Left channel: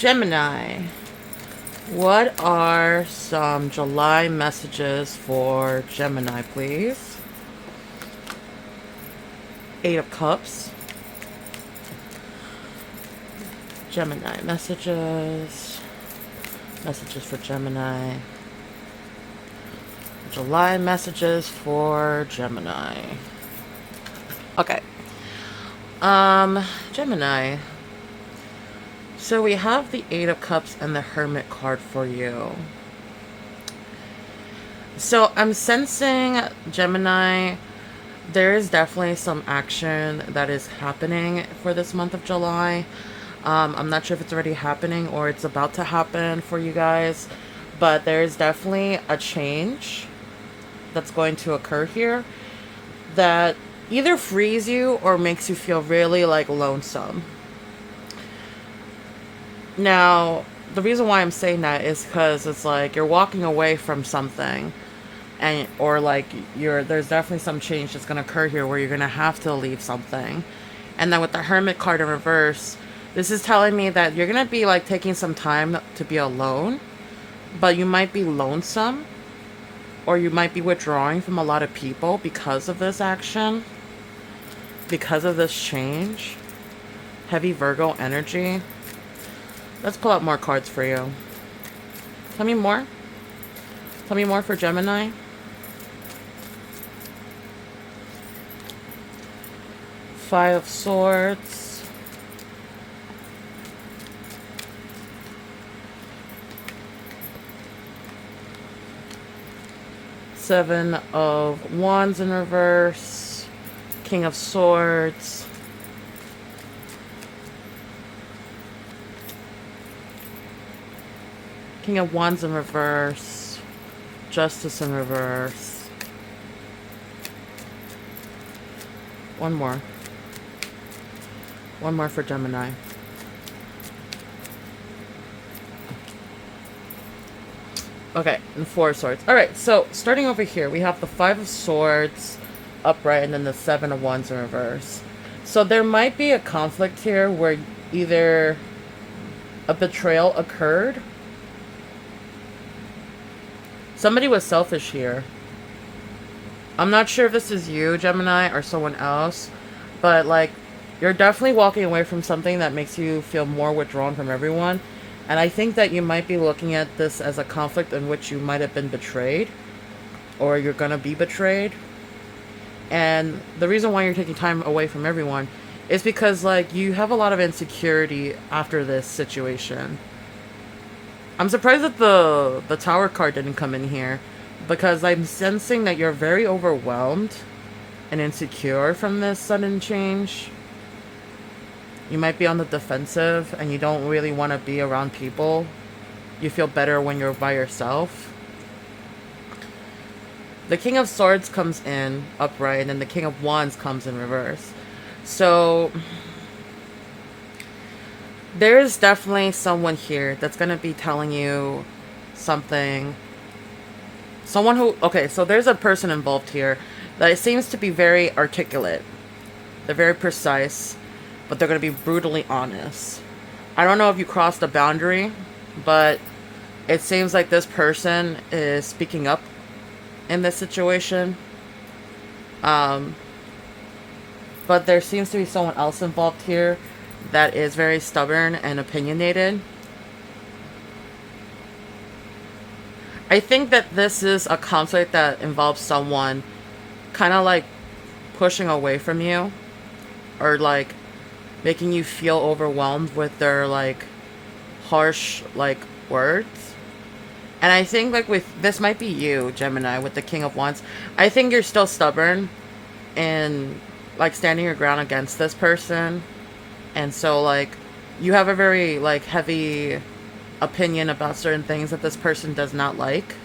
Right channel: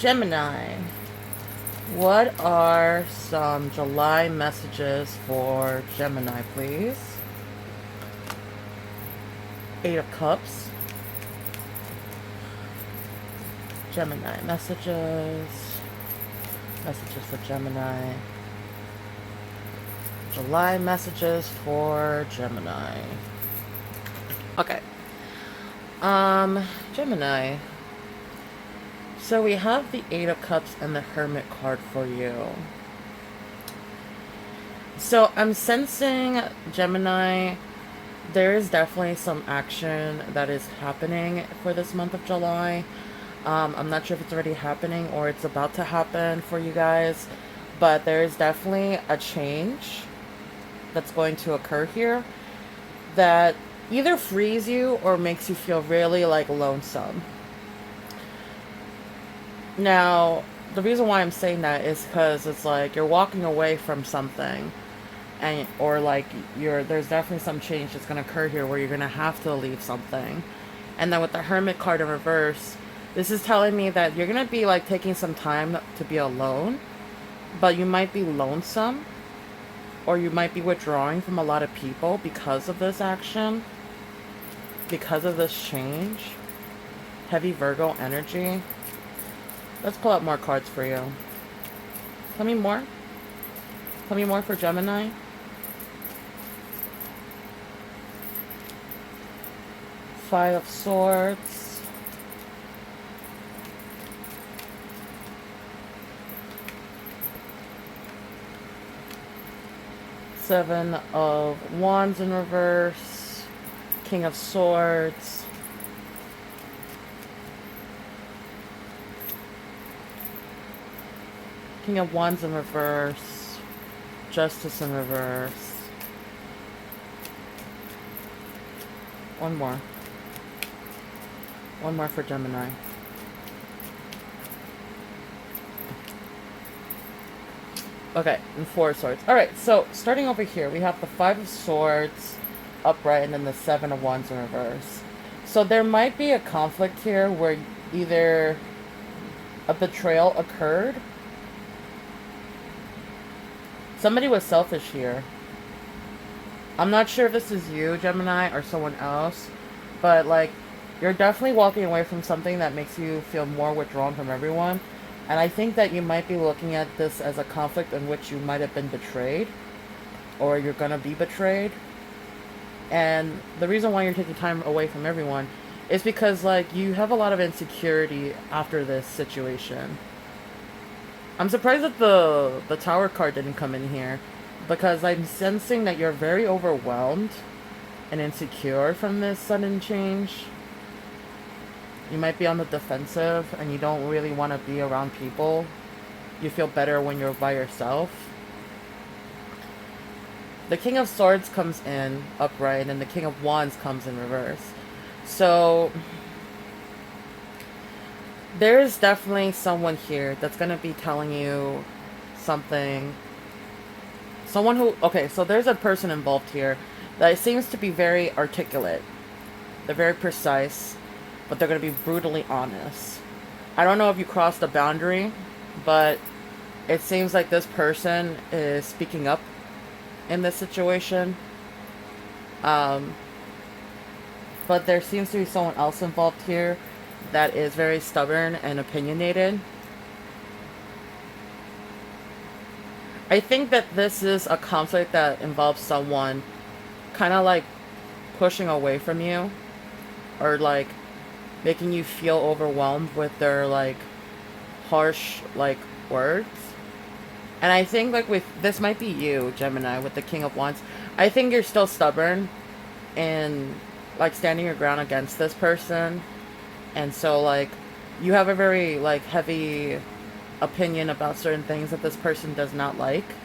Gemini, what are some July messages for Gemini, please? Eight of Cups. Gemini messages. Messages for Gemini. July messages for Gemini. Okay. Gemini. So we have the Eight of Cups and the Hermit card for you. So I'm sensing, Gemini, there is definitely some action that is happening for this month of July. I'm not sure if it's already happening or it's about to happen for you guys, but there is definitely a change that's going to occur here that either frees you or makes you feel really like lonesome. Now, the reason why I'm saying that is because it's like you're walking away from something, and or like there's definitely some change that's going to occur here where you're going to have to leave something. And then with the Hermit card in reverse, this is telling me that you're going to be like taking some time to be alone, but you might be lonesome, or you might be withdrawing from a lot of people because of this action, because of this change. Heavy Virgo energy. Let's pull out more cards for you. Tell me more. Tell me more for Gemini. Five of Swords. Seven of Wands in reverse. King of Swords. King of Wands in reverse. Justice in reverse. One more. One more for Gemini. Okay, and Four of Swords. Alright, so starting over here, we have the Five of Swords upright and then the Seven of Wands in reverse. So there might be a conflict here where either a betrayal occurred. Somebody was selfish here. I'm not sure if this is you, Gemini, or someone else, but like, you're definitely walking away from something that makes you feel more withdrawn from everyone. And I think that you might be looking at this as a conflict in which you might have been betrayed, or you're gonna be betrayed. And the reason why you're taking time away from everyone is because like you have a lot of insecurity after this situation. I'm surprised that the Tower card didn't come in here, because I'm sensing that you're very overwhelmed and insecure from this sudden change. You might be on the defensive and you don't really want to be around people. You feel better when you're by yourself. The King of Swords comes in upright and then the King of Wands comes in reverse. So there is definitely someone here that's going to be telling you something. Someone who, okay, so there's a person involved here that seems to be very articulate. They're very precise, but they're going to be brutally honest. I don't know if you crossed a boundary, but it seems like this person is speaking up in this situation. But there seems to be someone else involved here that is very stubborn and opinionated. I think that this is a conflict that involves someone kind of like pushing away from you, or like making you feel overwhelmed with their like harsh like words. And I think like with this might be you, Gemini, with the King of Wands. I think you're still stubborn and like standing your ground against this person. And so like you have a very like heavy opinion about certain things that this person does not like,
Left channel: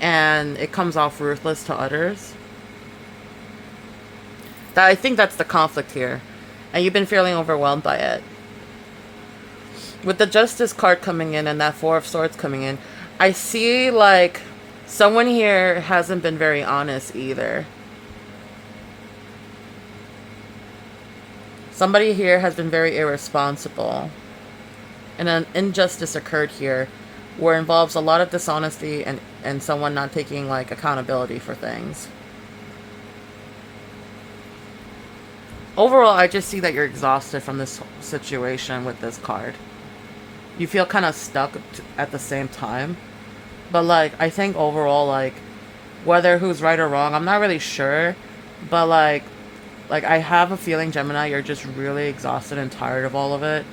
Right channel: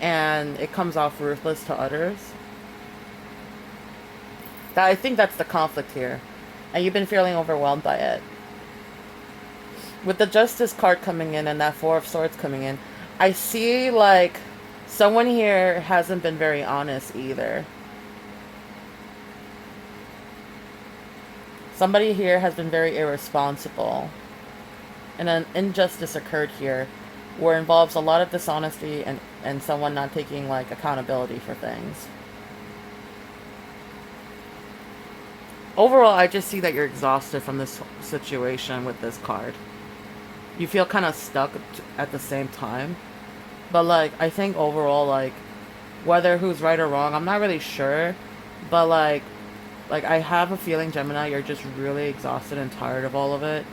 and it comes off ruthless to others. That I think that's the conflict here, and you've been feeling overwhelmed by it. With the Justice card coming in and that Four of Swords coming in, I see like someone here hasn't been very honest either. Somebody here has been very irresponsible And an injustice occurred here where it involves a lot of dishonesty and someone not taking like accountability for things. Overall, I just see that you're exhausted from this situation with this card. You feel kind of stuck at the same time. But like, I think overall, like, whether who's right or wrong, I'm not really sure. But like I have a feeling, Gemini, you're just really exhausted and tired of all of it.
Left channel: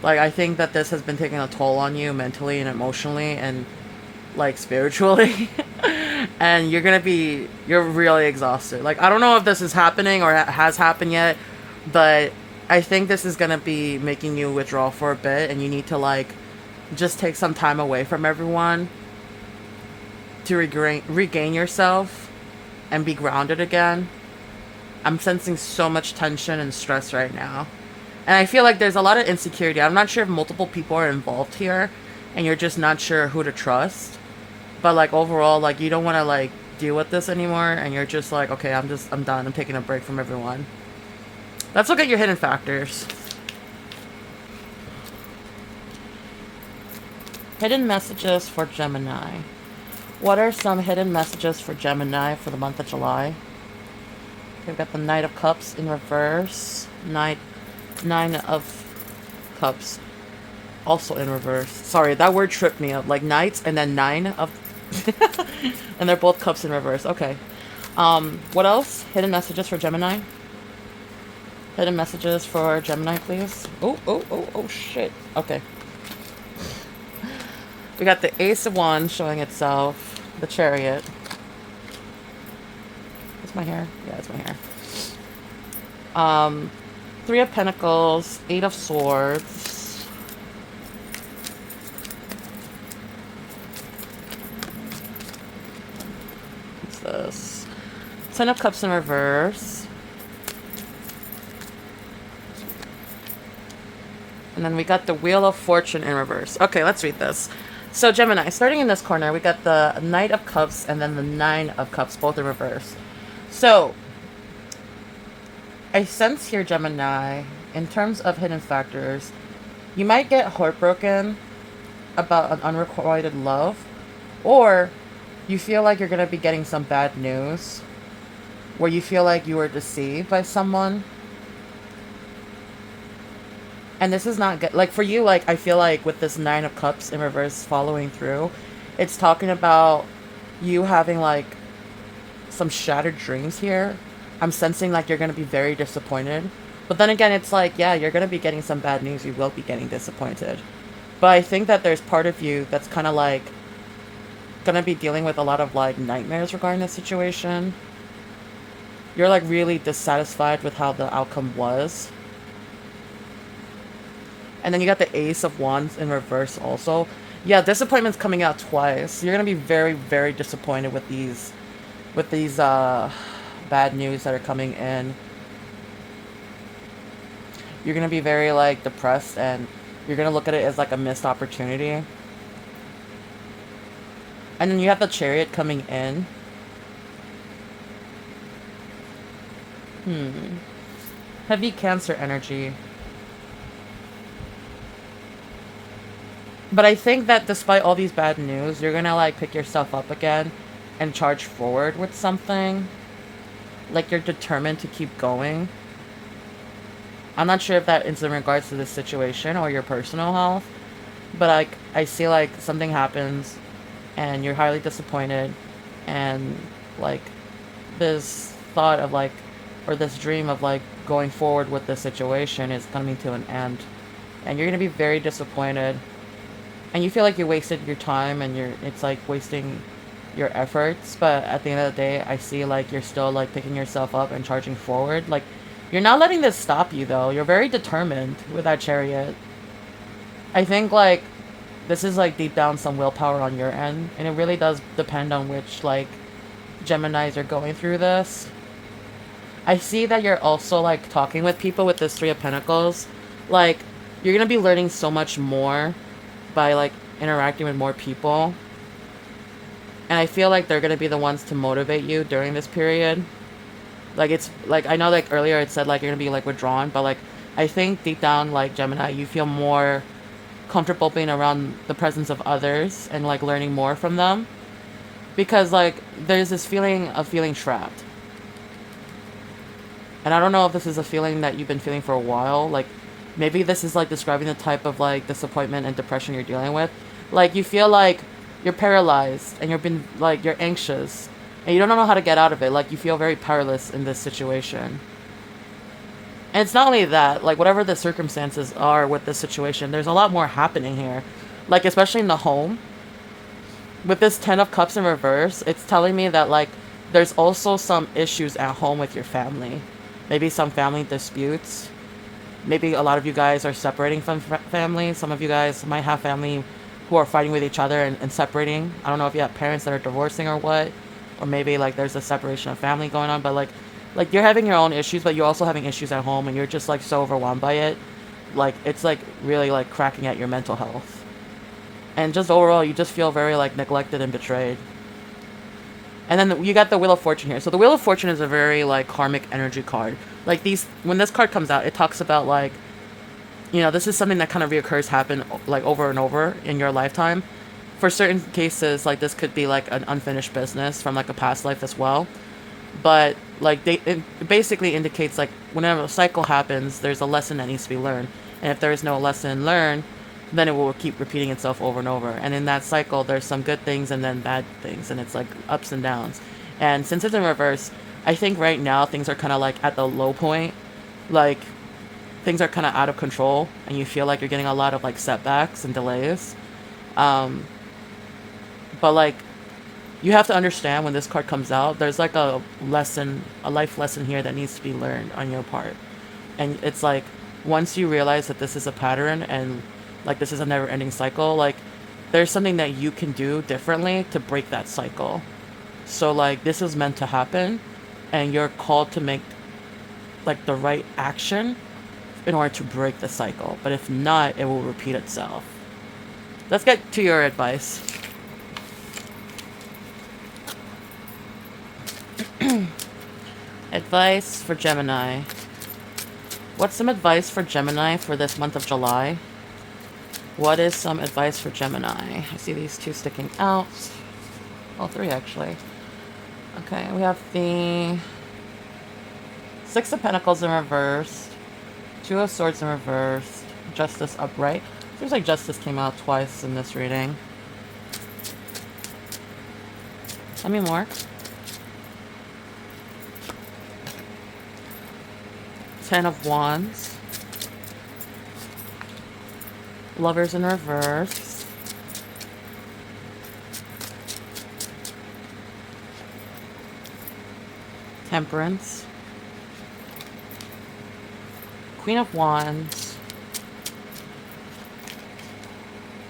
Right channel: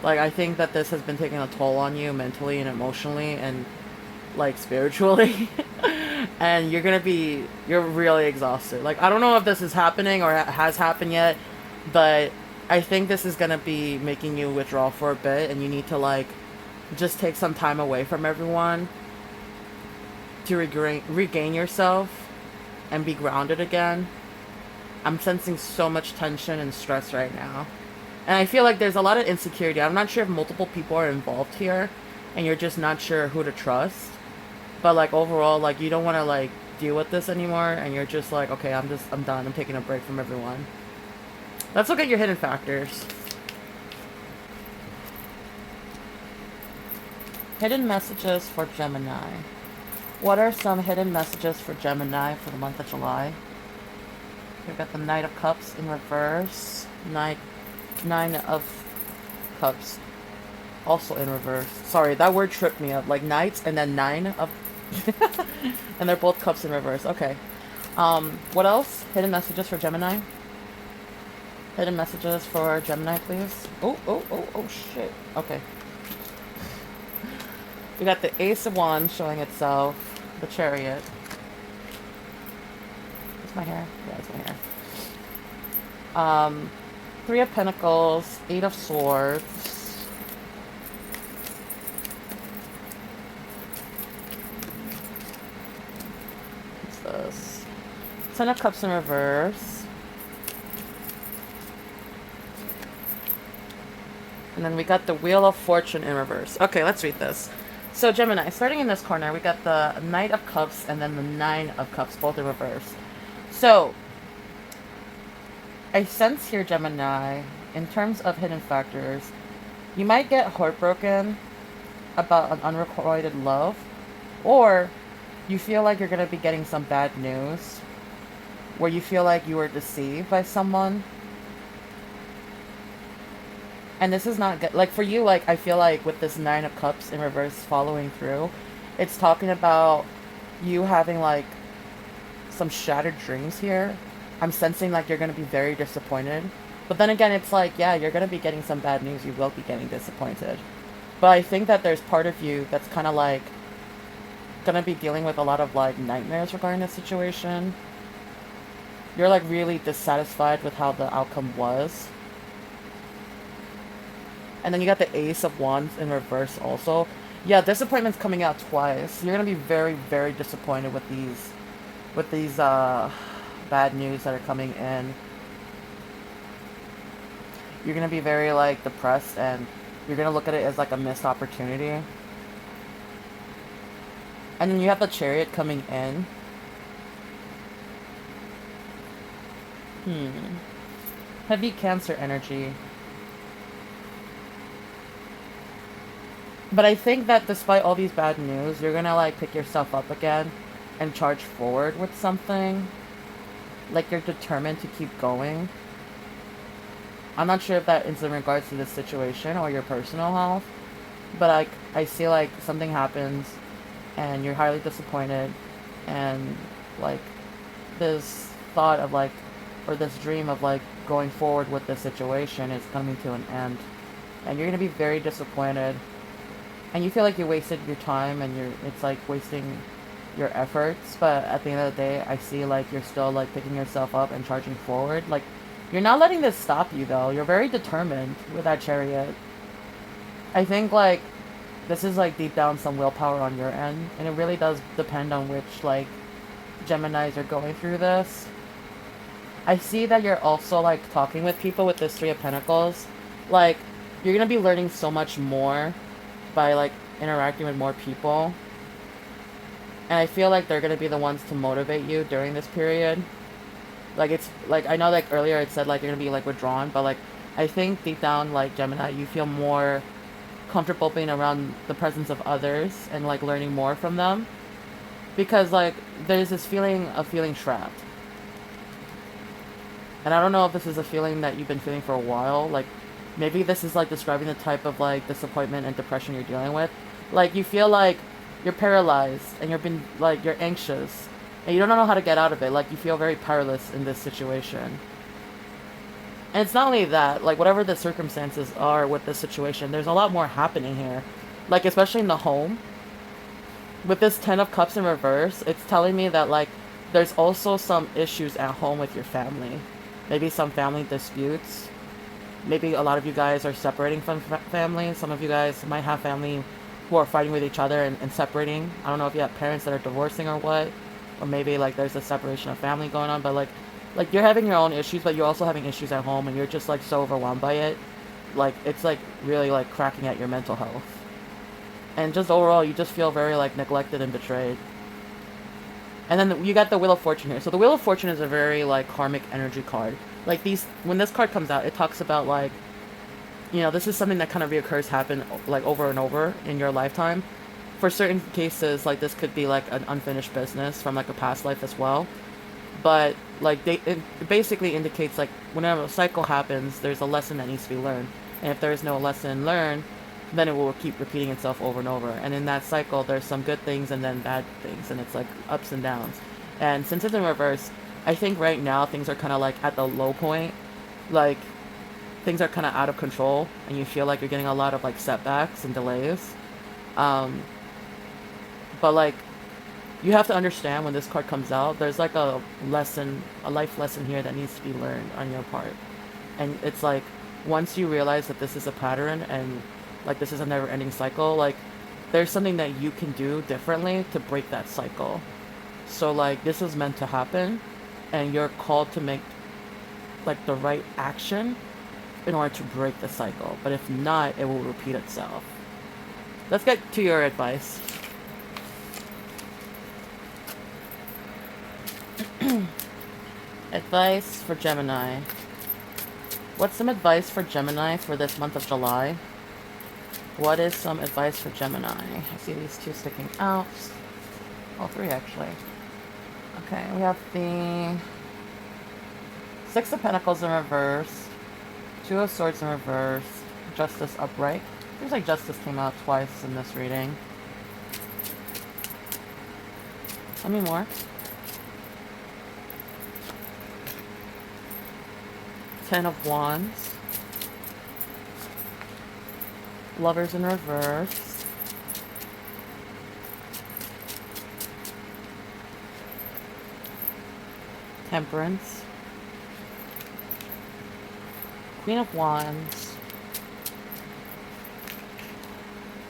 Like, I think that this has been taking a toll on you mentally and emotionally and, like, spiritually. And you're really exhausted. Like, I don't know if this is happening or has happened yet, but I think this is gonna be making you withdraw for a bit, and you need to, like, just take some time away from everyone to regain yourself and be grounded again. I'm sensing so much tension and stress right now. And I feel like there's a lot of insecurity. I'm not sure if multiple people are involved here and you're just not sure who to trust. But like overall, like you don't want to like deal with this anymore and you're just like, okay, I'm done. I'm taking a break from everyone. Let's look at your hidden factors. Hidden messages for Gemini. What are some hidden messages for Gemini for the month of July? We've got the Knight of Cups in reverse. Nine of Cups also in reverse. Sorry, that word tripped me up. Like knights and then 9 of... and they're both cups in reverse. Okay. What else? Hidden messages for Gemini. Hidden messages for Gemini, please. Oh, shit. Okay. We got the Ace of Wands showing itself. The Chariot. Is my hair? Yeah, it's my hair. 3 of Pentacles, 8 of Swords. What's this? 10 of Cups in reverse. And then we got the Wheel of Fortune in reverse. Okay, let's read this. So Gemini, starting in this corner, we got the Knight of Cups and then the 9 of Cups, both in reverse. So, I sense here, Gemini, in terms of hidden factors, you might get heartbroken about an unrequited love, or you feel like you're going to be getting some bad news, where you feel like you were deceived by someone. And this is not good. Like, for you, like, I feel like with this 9 of Cups in reverse following through, it's talking about you having, like, some shattered dreams here. I'm sensing like you're going to be very disappointed. But then again, it's like, yeah, you're going to be getting some bad news. You will be getting disappointed. But I think that there's part of you that's kind of like going to be dealing with a lot of like nightmares regarding the situation. You're like really dissatisfied with how the outcome was. And then you got the Ace of Wands in reverse also. Yeah, disappointment's coming out twice. You're going to be very, very disappointed with these bad news that are coming in. You're going to be very like depressed and you're going to look at it as like a missed opportunity. And then you have the Chariot coming in. Heavy Cancer energy. But I think that despite all these bad news, you're going to like pick yourself up again and charge forward with something. Like you're determined to keep going. I'm not sure if that is in regards to the situation or your personal health, but I see like something happens and you're highly disappointed, and like this thought of like, or this dream of like going forward with the situation is coming to an end, and you're going to be very disappointed, and you feel like you wasted your time and it's like wasting your efforts. But at the end of the day, I see like you're still like picking yourself up and charging forward. Like you're not letting this stop you though. You're very determined with that Chariot. I think like this is like deep down some willpower on your end, and it really does depend on which like Geminis are going through this. I see that you're also like talking with people with this 3 of Pentacles. Like you're gonna be learning so much more by like interacting with more people. And I feel like they're going to be the ones to motivate you during this period. Like, it's, like, I know, like, earlier it said, like, you're going to be, like, withdrawn. But, like, I think deep down, like, Gemini, you feel more comfortable being around the presence of others and like learning more from them, because like there's this feeling of feeling trapped. And I don't know if this is a feeling that you've been feeling for a while. Like maybe this is like describing the type of like disappointment and depression you're dealing with. Like you feel like you're paralyzed and you're anxious and you don't know how to get out of it. Like you feel very powerless in this situation. And it's not only that, like whatever the circumstances are with the situation, there's a lot more happening here. Like especially in the home. With this 10 of Cups in reverse, it's telling me that like there's also some issues at home with your family. Maybe some family disputes. Maybe a lot of you guys are separating from family. Some of you guys might have family who are fighting with each other and separating. I don't know if you have parents that are divorcing or what. Or maybe like there's a separation of family going on. But like you're having your own issues, but you're also having issues at home and you're just like so overwhelmed by it. Like it's like really like cracking at your mental health. And just overall, you just feel very like neglected and betrayed. And then you got the Wheel of Fortune here. So the Wheel of Fortune is a very like karmic energy card. Like when this card comes out, it talks about like, you know, this is something that kind of reoccurs, happen like over and over in your lifetime. For certain cases, like this could be like an unfinished business from like a past life as well. But like it basically indicates like whenever a cycle happens, there's a lesson that needs to be learned. And if there is no lesson learned, then it will keep repeating itself over and over. And in that cycle, there's some good things and then bad things. And it's like ups and downs. And since it's in reverse, I think right now things are kind of like at the low point. Like things are kind of out of control. And you feel like you're getting a lot of like setbacks and delays. But like you have to understand when this card comes out, there's like a lesson, a life lesson here that needs to be learned on your part. And it's like once you realize that this is a pattern and like this is a never-ending cycle, like there's something that you can do differently to break that cycle. So like this is meant to happen and you're called to make like the right action in order to break the cycle. But if not, it will repeat itself. Let's get to your advice. Advice for Gemini. What's some advice for Gemini for this month of July? What is some advice for Gemini? I see these two sticking out. All three, actually. Okay, we have the Six of Pentacles in reverse, Two of Swords in reverse, Justice upright. Seems like Justice came out twice in this reading. Tell me more. Ten of Wands. Lovers in reverse. Temperance. Queen of Wands.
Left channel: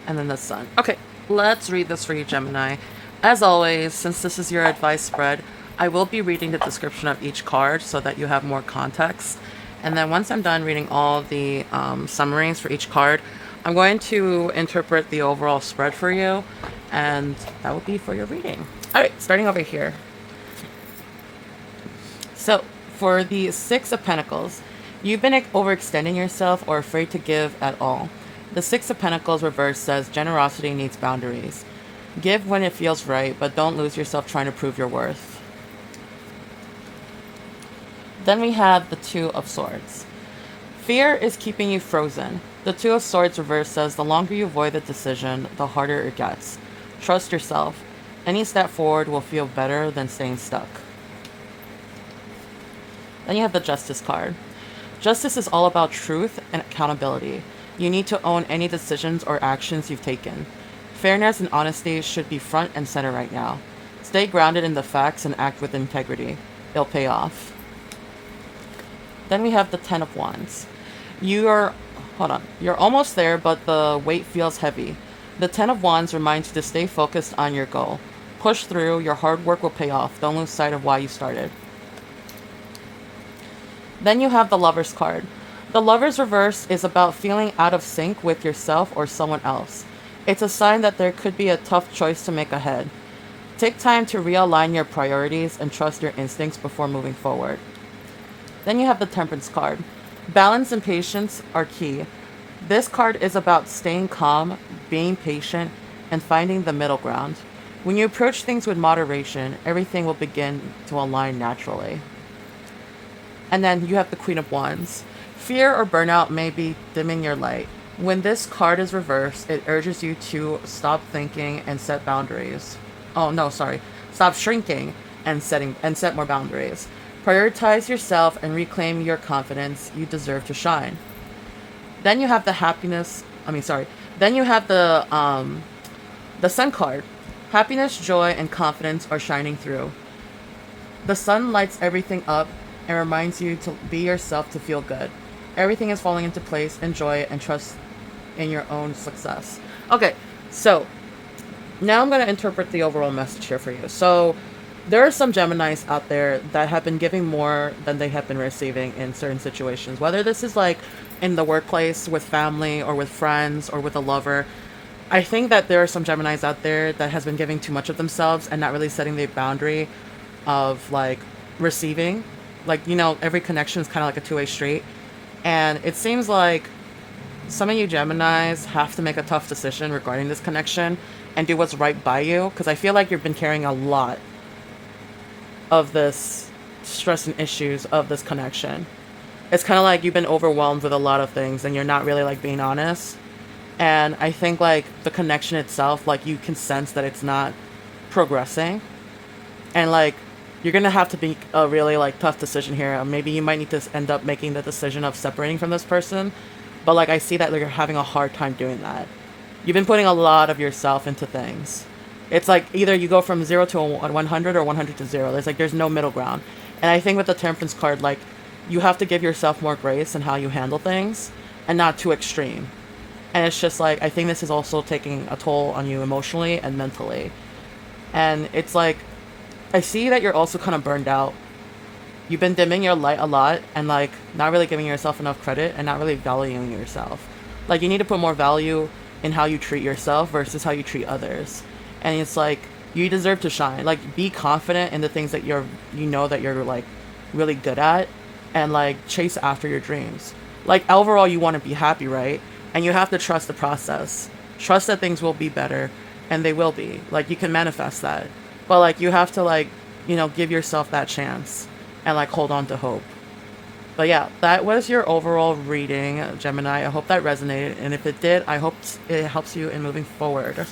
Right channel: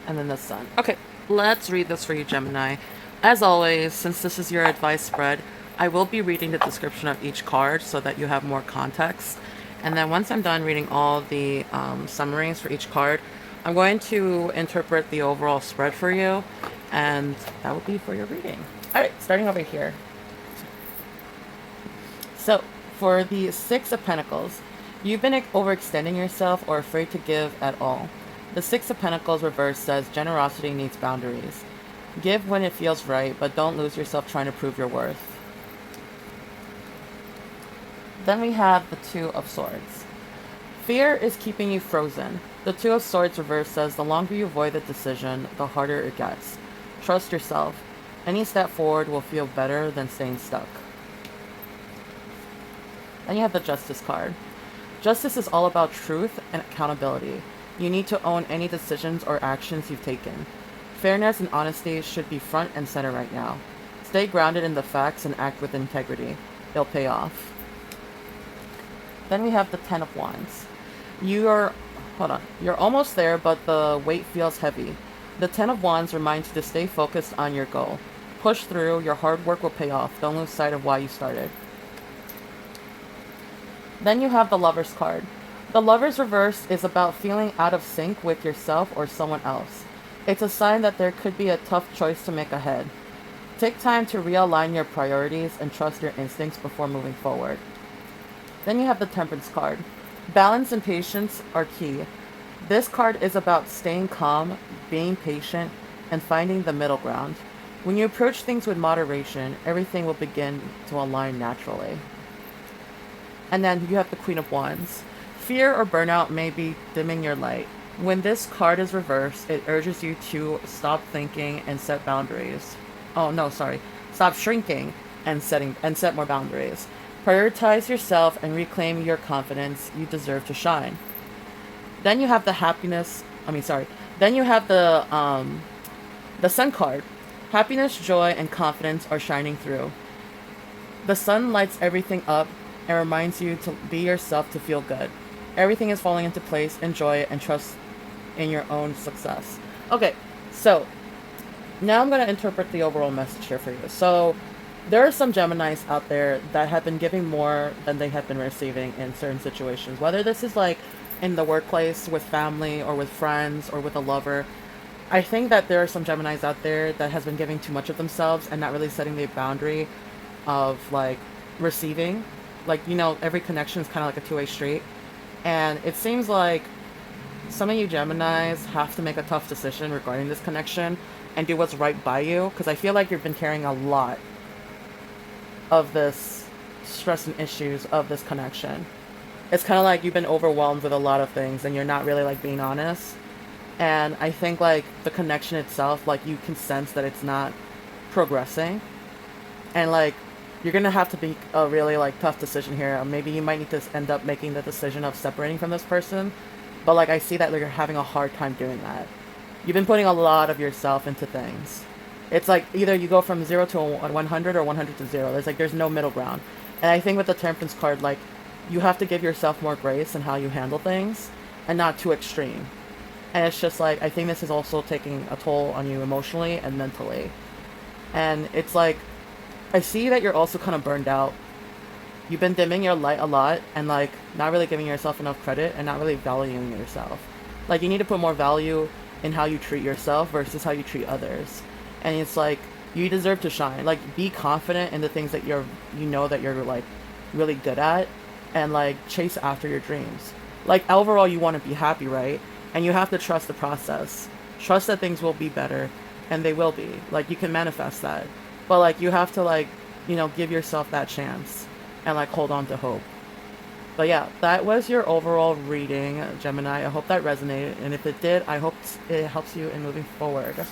And then the Sun. Okay, let's read this for you, Gemini. As always, since this is your advice spread, I will be reading the description of each card so that you have more context. And then once I'm done reading all the summaries for each card, I'm going to interpret the overall spread for you, and that will be for your reading. All right, starting over here. So, for the Six of Pentacles, you've been overextending yourself or afraid to give at all. The Six of Pentacles reverse says generosity needs boundaries. Give when it feels right, but don't lose yourself trying to prove your worth. Then we have the Two of Swords. Fear is keeping you frozen. The Two of Swords reverse says the longer you avoid the decision, the harder it gets. Trust yourself. Any step forward will feel better than staying stuck. Then you have the Justice card. Justice is all about truth and accountability. You need to own any decisions or actions you've taken. Fairness and honesty should be front and center right now. Stay grounded in the facts and act with integrity. It'll pay off. Then we have the Ten of Wands. You're almost there, but the weight feels heavy. The Ten of Wands reminds you to stay focused on your goal. Push through, your hard work will pay off. Don't lose sight of why you started. Then you have the Lover's card. The Lover's reverse is about feeling out of sync with yourself or someone else. It's a sign that there could be a tough choice to make ahead. Take time to realign your priorities and trust your instincts before moving forward. Then you have the Temperance card. Balance and patience are key. This card is about staying calm, being patient, and finding the middle ground. When you approach things with moderation, everything will begin to align naturally. And then you have the Queen of Wands. Fear or burnout may be dimming your light. When this card is reversed, it urges you to stop thinking and set boundaries. Oh no, sorry. Stop shrinking and set more boundaries. Prioritize yourself and reclaim your confidence. You deserve to shine. Then you have the happiness. I mean, sorry. Then you have the Sun card. Happiness, joy, and confidence are shining through. The sun lights everything up and reminds you to be yourself to feel good. Everything is falling into place. Enjoy it and trust in your own success. Okay, so now I'm going to interpret the overall message here for you. So there are some Geminis out there that have been giving more than they have been receiving in certain situations. Whether this is like in the workplace, with family, or with friends, or with a lover. I think that there are some Geminis out there that has been giving too much of themselves and not really setting the boundary of like receiving. Like, you know, every connection is kind of like a two-way street. And it seems like some of you Geminis have to make a tough decision regarding this connection and do what's right by you. Because I feel like you've been carrying a lot of this stress and issues of this connection. It's kind of like you've been overwhelmed with a lot of things and you're not really like being honest. And I think like the connection itself, like you can sense that it's not progressing. And like you're gonna have to make a really like tough decision here. Maybe you might need to end up making the decision of separating from this person. But like I see that like, you're having a hard time doing that. You've been putting a lot of yourself into things. It's like either you go from 0 to 100 or 100 to 0. There's no middle ground. And I think with the Temperance card, like you have to give yourself more grace in how you handle things and not too extreme. And it's just like, I think this is also taking a toll on you emotionally and mentally. And it's like, I see that you're also kind of burned out. You've been dimming your light a lot and like not really giving yourself enough credit and not really valuing yourself. Like you need to put more value in how you treat yourself versus how you treat others. And it's like, you deserve to shine. Like be confident in the things that you know that you're like really good at and like chase after your dreams. Like overall you want to be happy, right? And you have to trust the process. Trust that things will be better, and they will be. Like, you can manifest that. But, like, you have to, like, you know, give yourself that chance and, like, hold on to hope. But, yeah, that was your overall reading, Gemini. I hope that resonated. And if it did, I hope it helps you in moving forward.